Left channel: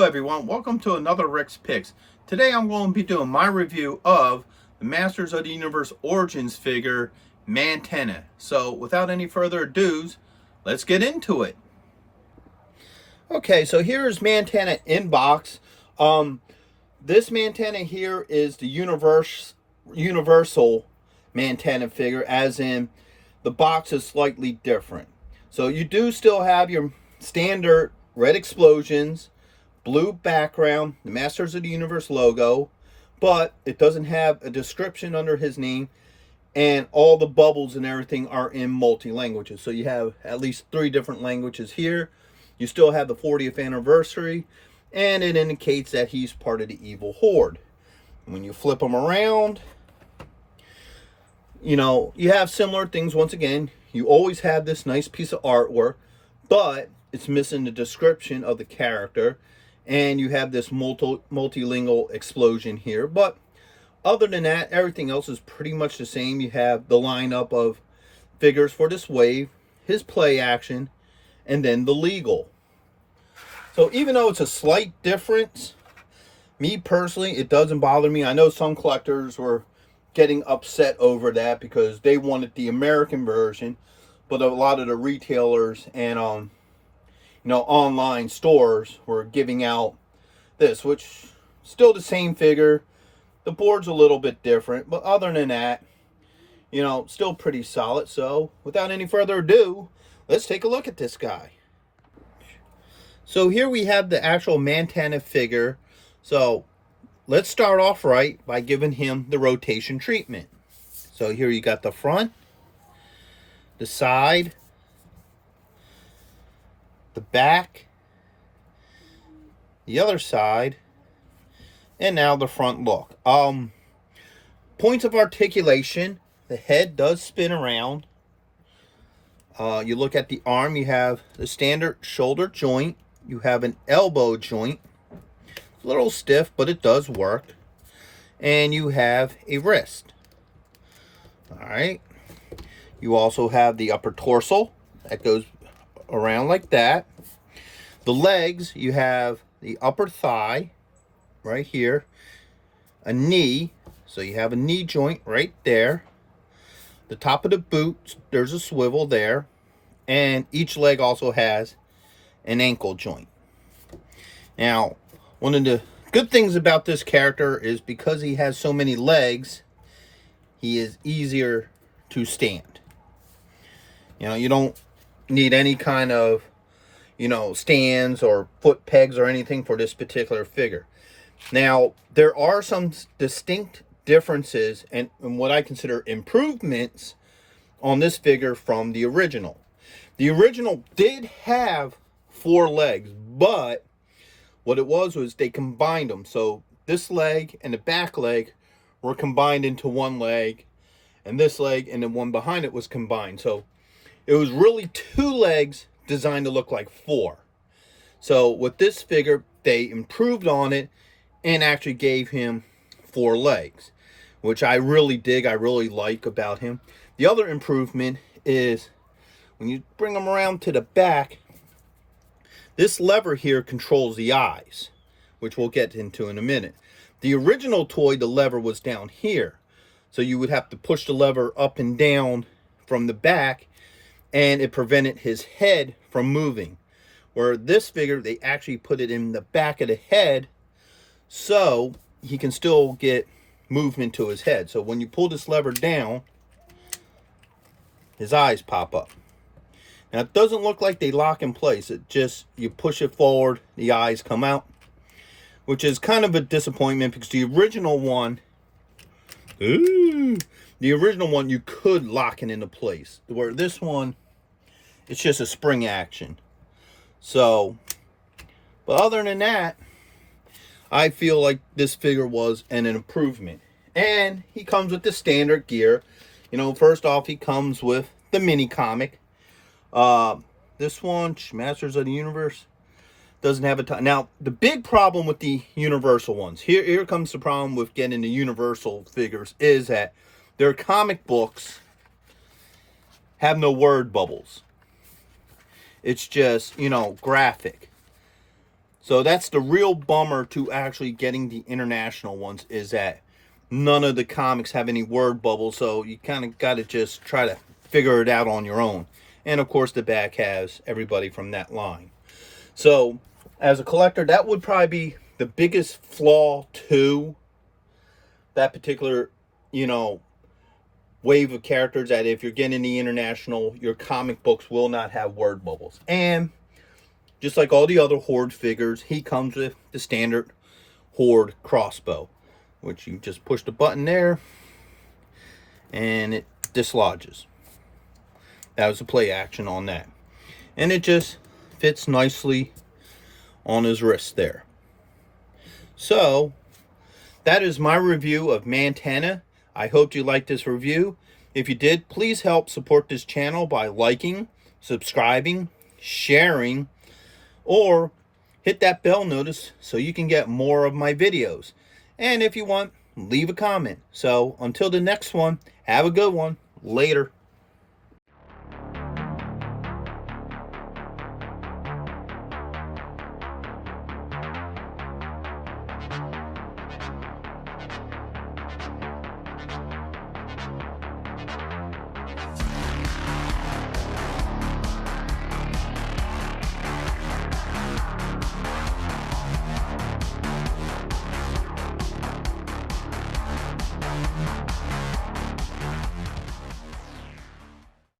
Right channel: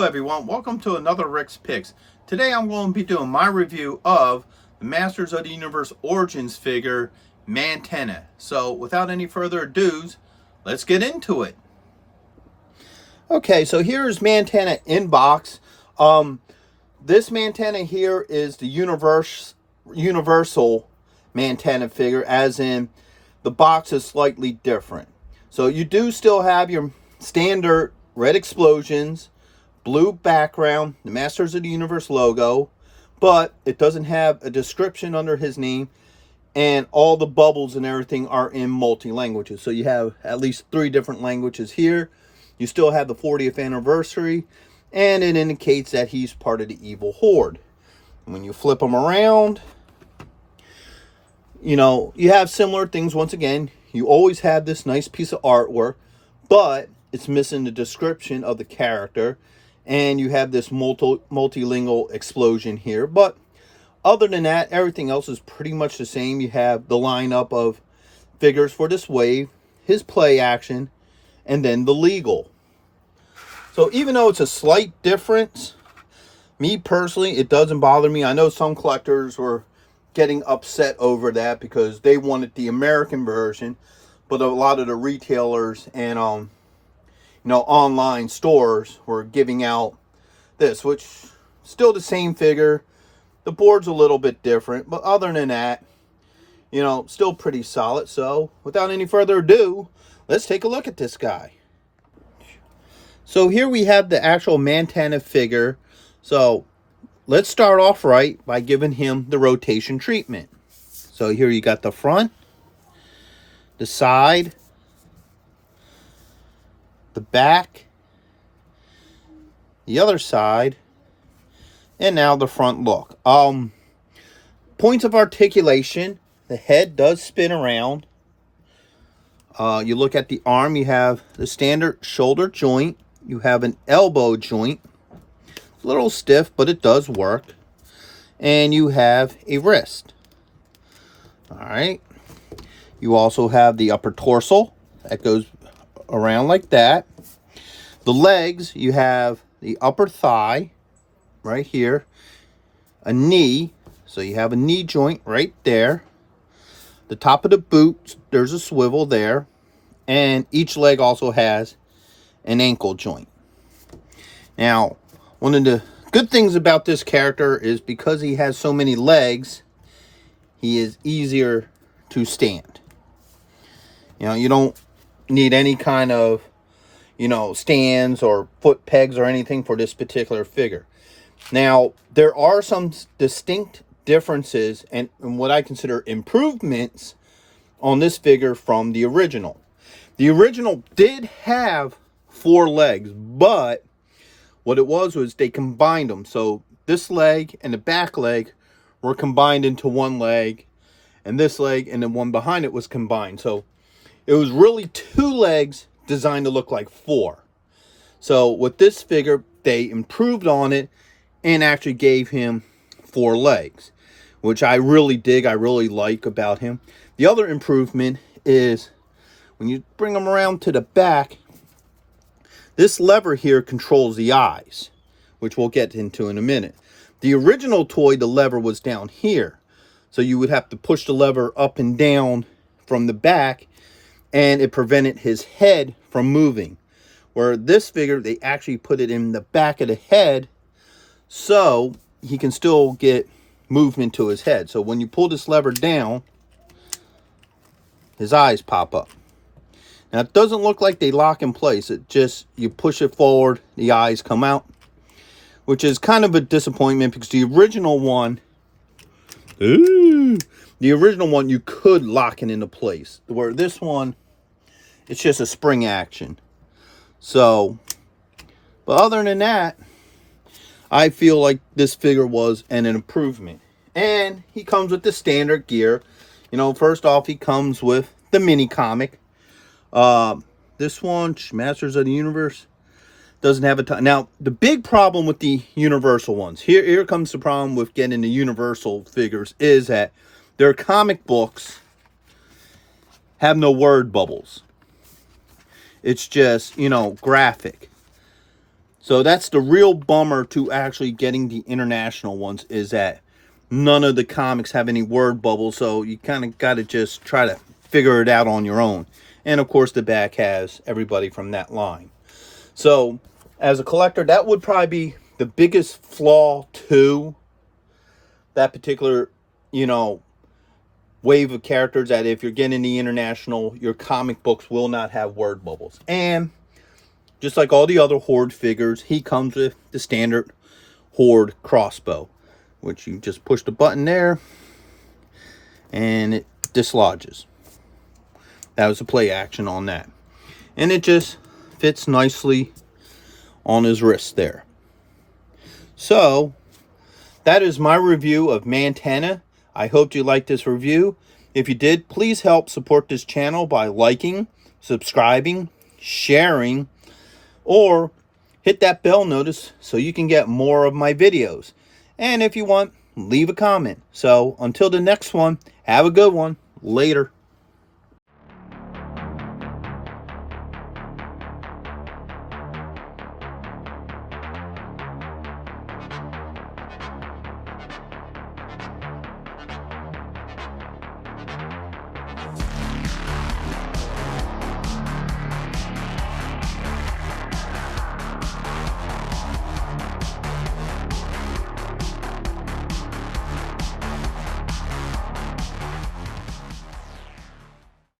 Hello everyone, welcome to another Rick's Picks. Today I'm going to be doing my review of the Masters of the Universe Origins figure, Mantenna. So without any further ado, let's get into it. Okay, so here's Mantenna in box. This Mantenna here is the universal Mantenna figure, as in the box is slightly different. So you do still have your standard red explosions, blue background, the Masters of the Universe logo, but it doesn't have a description under his name, and all the bubbles and everything are in multi-languages. So you have at least 3 different languages here. You still have the 40th anniversary, and it indicates that he's part of the Evil Horde. And when you flip him around, you know, you have similar things once again. You always have this nice piece of artwork, but it's missing the description of the character. And you have this multilingual explosion here. But other than that, everything else is pretty much the same. You have the lineup of figures for this wave, his play action, and then the legal. So even though it's a slight difference, me personally, it doesn't bother me. I know some collectors were getting upset over that because they wanted the American version, but a lot of the retailers and online stores were giving out this, which still the same figure. The board's a little bit different, but other than that, still pretty solid. So without any further ado, let's take a look at this guy. So here we have the actual Mantenna figure. So let's start off right by giving him the rotation treatment. So here you got the front, the side, the back, the other side, and now the front look. Points of articulation: the head does spin around. You look at the arm, you have the standard shoulder joint, you have an elbow joint, it's a little stiff but it does work, and you have a wrist. All right, you also have the upper torso that goes around like that. The legs, you have the upper thigh right here, a knee, so you have a knee joint right there. The top of the boot, there's a swivel there, and each leg also has an ankle joint. Now, one of the good things about this character is because he has so many legs, he is easier to stand. You don't need any kind of stands or foot pegs or anything for this particular figure. Now there are some distinct differences and what I consider improvements on this figure from the original. The original did have 4 legs, but what it was they combined them. So this leg and the back leg were combined into one leg, and this leg and the one behind it was combined. So it was really 2 legs designed to look like 4. So with this figure, they improved on it and actually gave him 4 legs, which I really dig. I really like about him. The other improvement is when you bring him around to the back, this lever here controls the eyes, which we'll get into in a minute. The original toy, the lever was down here, so you would have to push the lever up and down from the back, and it prevented his head from moving. Where this figure, they actually put it in the back of the head so he can still get movement to his head. So when you pull this lever down, his eyes pop up. Now it doesn't look like they lock in place. It just, you push it forward, the eyes come out, which is kind of a disappointment because the original one, you could lock it into place. Where this one, it's just a spring action. So, but other than that, I feel like this figure was an improvement. And he comes with the standard gear. First off, he comes with the mini comic. This one, Masters of the Universe, doesn't have a ton. Now, the big problem with the Universal ones, here comes the problem with getting the Universal figures, is that their comic books have no word bubbles. It's just, graphic. So that's the real bummer to actually getting the international ones, is that none of the comics have any word bubbles, so you kind of got to just try to figure it out on your own. And of course the back has everybody from that line. So as a collector, that would probably be the biggest flaw to that particular, you know, wave of characters, that if you're getting the international, your comic books will not have word bubbles. And just like all the other Horde figures, he comes with the standard Horde Crossbow, which you just push the button there and it dislodges. That was a play action on that. And it just fits nicely on his wrist there. So that is my review of Mantenna. I hope you liked this review. If you did, please help support this channel by liking, subscribing, sharing, or hit that bell notice so you can get more of my videos. And if you want, leave a comment. So until the next one, have a good one. Later.